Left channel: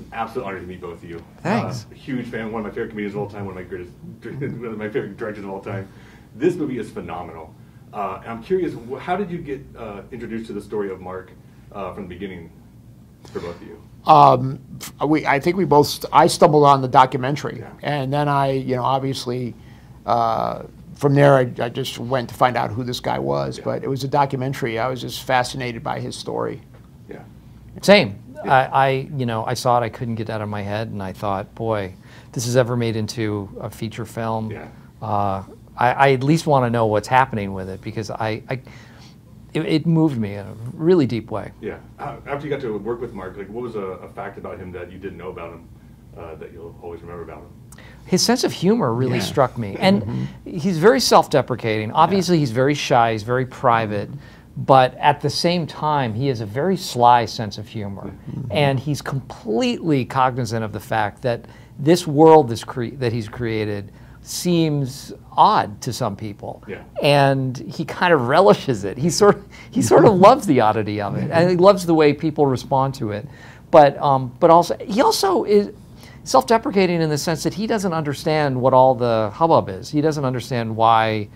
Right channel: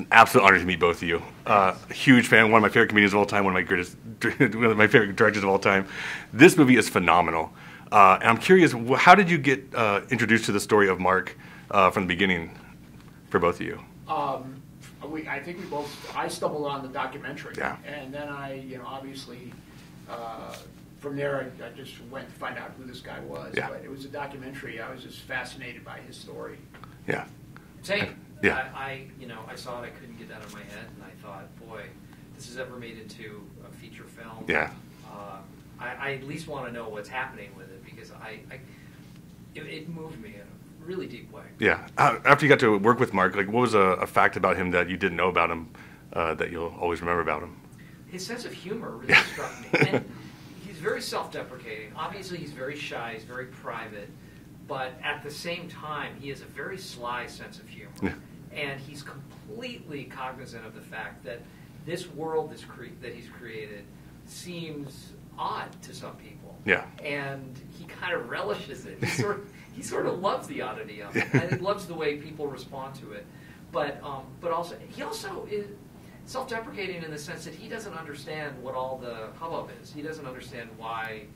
an absolute honor to meet both of you. A huge fan, one of my favorite comedians of all time, one of my favorite directors of all time. This movie is phenomenal. And I'm curious, how did you get introduced to the story of Mark from the beginning for both of you? I think I stumbled on the documentary. Yeah. And then obviously, from there, I just went to find out who this guy was. Yeah. But it was a documentary. I was just fascinated by his story. Yeah. Same. Yeah. I saw it. I couldn't get it out of my head, and I thought, boy, this is ever made into a feature film. Yeah. I at least want to know what's happening with it, because it moved me in a really deep way. Yeah. After you got to work with Mark, like, what was a fact about him that you didn't know about him that you'll always remember about him? His sense of humor really struck me. And he's very self-deprecating. Obviously, he's very shy, he's very private, but at the same time, he has a very sly sense of humor. And he's completely cognizant of the fact that this world that he's created seems odd to some people. Yeah. And he kind of relishes it. He sort of loves the oddity of it, and he loves the way people respond to it. But also he also is self-deprecating in the sense that he doesn't understand what all the hubbub is. He doesn't understand why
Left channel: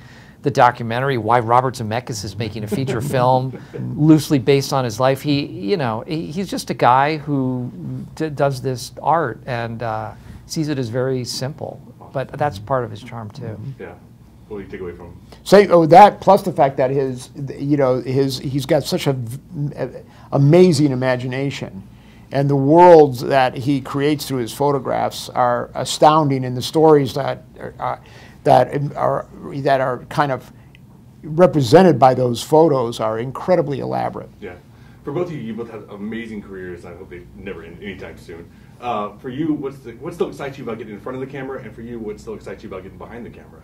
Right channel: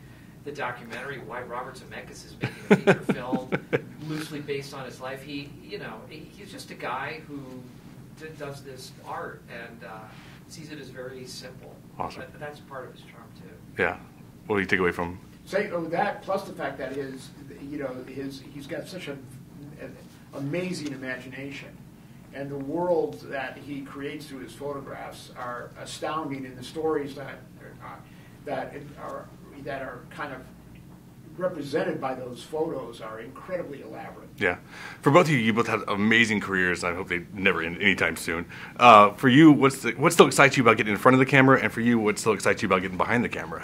the documentary, why Robert Zemeckis is making a feature film loosely based on his life. He's just a guy who does this art and sees it as very simple. Awesome. But that's part of his charm too. Yeah. What do you take away from? That plus the fact that he's got such an amazing imagination. And the worlds that he creates through his photographs are astounding, and the stories that are kind of represented by those photos are incredibly elaborate. Yeah. For both of you, you both have amazing careers. I hope they never end anytime soon. For you, what still excites you about getting in front of the camera, and for you, what still excites you about getting behind the camera?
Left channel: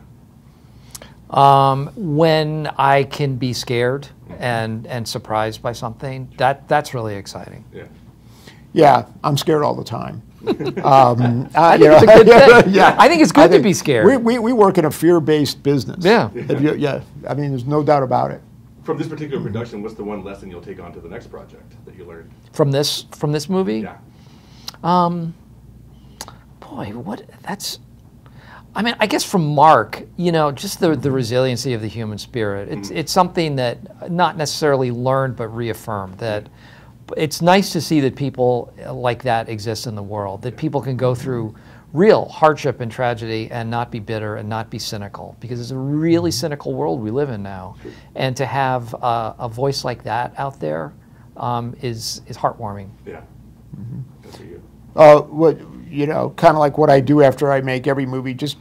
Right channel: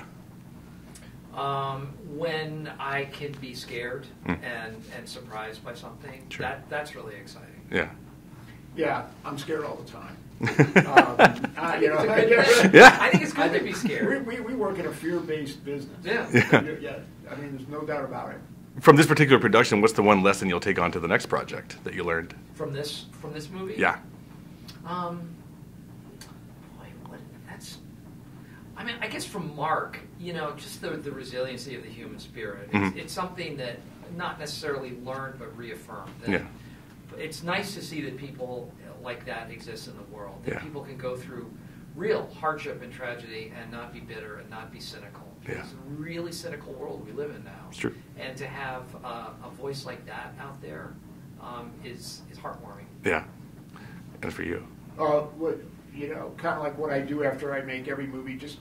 When I can be scared and surprised by something, that's really exciting. Yeah. Yeah, I'm scared all the time. I think it's a good thing. Yeah. I think it's good to be scared. We work in a fear-based business. Yeah. Yeah. I mean, there's no doubt about it. From this particular production, what's the one lesson you'll take on to the next project that you learned? From this movie? Yeah. I guess from Mark, just the resiliency of the human spirit. It's something that not necessarily learned but reaffirmed. That it's nice to see that people like that exist in the world. That people can go through real hardship and tragedy and not be bitter and not be cynical, because it's a really cynical world we live in now. True. And to have a voice like that out there is heartwarming. Yeah. And for you? Kind of like what I do after I make every movie, just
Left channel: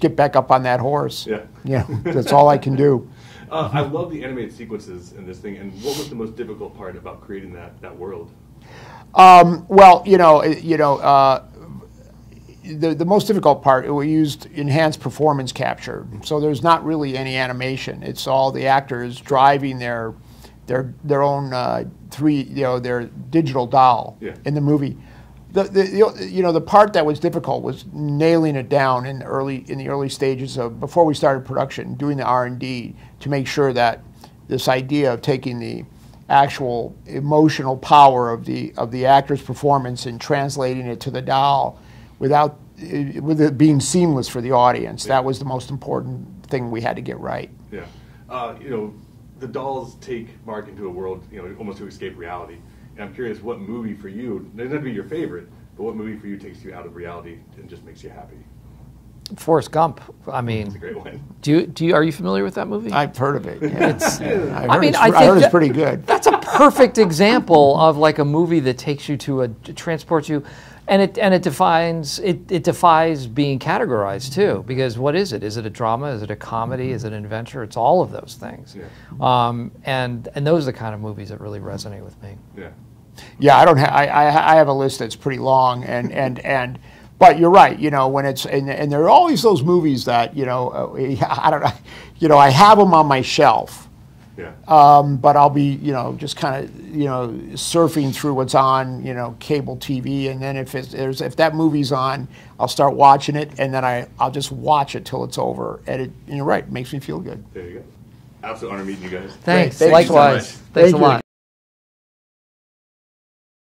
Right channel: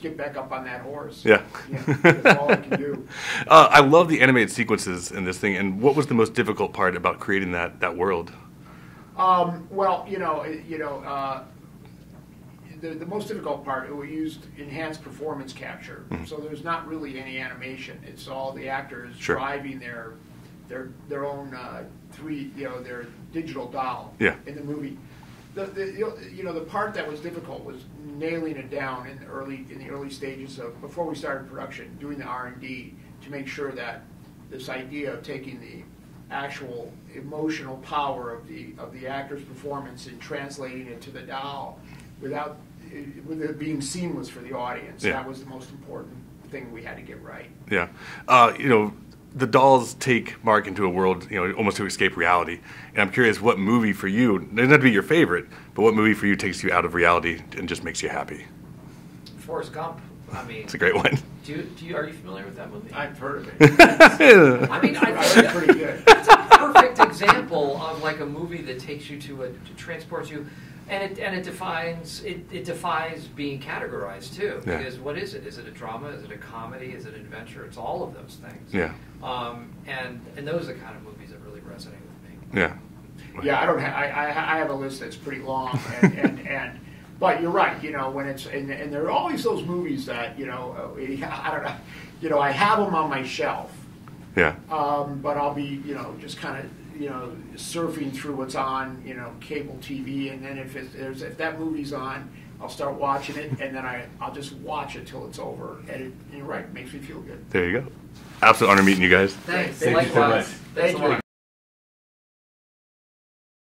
get back up on that horse. Yeah. Yeah, that's all I can do. I love the animated sequences in this thing, and what was the most difficult part about creating that world? The most difficult part, we used enhanced performance capture. So there's not really any animation. It's all the actors driving their own their digital doll in the movie. The part that was difficult was nailing it down in the early stages of before we started production, doing the R&D to make sure that this idea of taking the actual emotional power of the actor's performance and translating it to the doll with it being seamless for the audience. That was the most important thing we had to get right. Yeah. The dolls take Mark into a world, almost to escape reality. And I'm curious, what movie for you, it doesn't have to be your favorite, but what movie for you takes you out of reality and just makes you happy? Forrest Gump. I mean, it's a great one. Are you familiar with that movie? I've heard of it. I think it's pretty good. That's a perfect example of like a movie that takes you to transports you. And it defies being categorized too, because what is it? Is it a drama? Is it a comedy? Is it an adventure? It's all of those things. Yeah. And those are the kind of movies that really resonate with me. Yeah. Yeah, I have a list that's pretty long, but you're right. When it's and there are always those movies that I don't know. I have them on my shelf. Yeah. But I'll be just kind of surfing through what's on cable TV, and then if that movie's on, I'll start watching it, and then I'll just watch it till it's over, and you're right, it makes me feel good. There you go. Absolute honor meeting you guys. Thanks. Thanks Likewise. so much. Thanks a lot.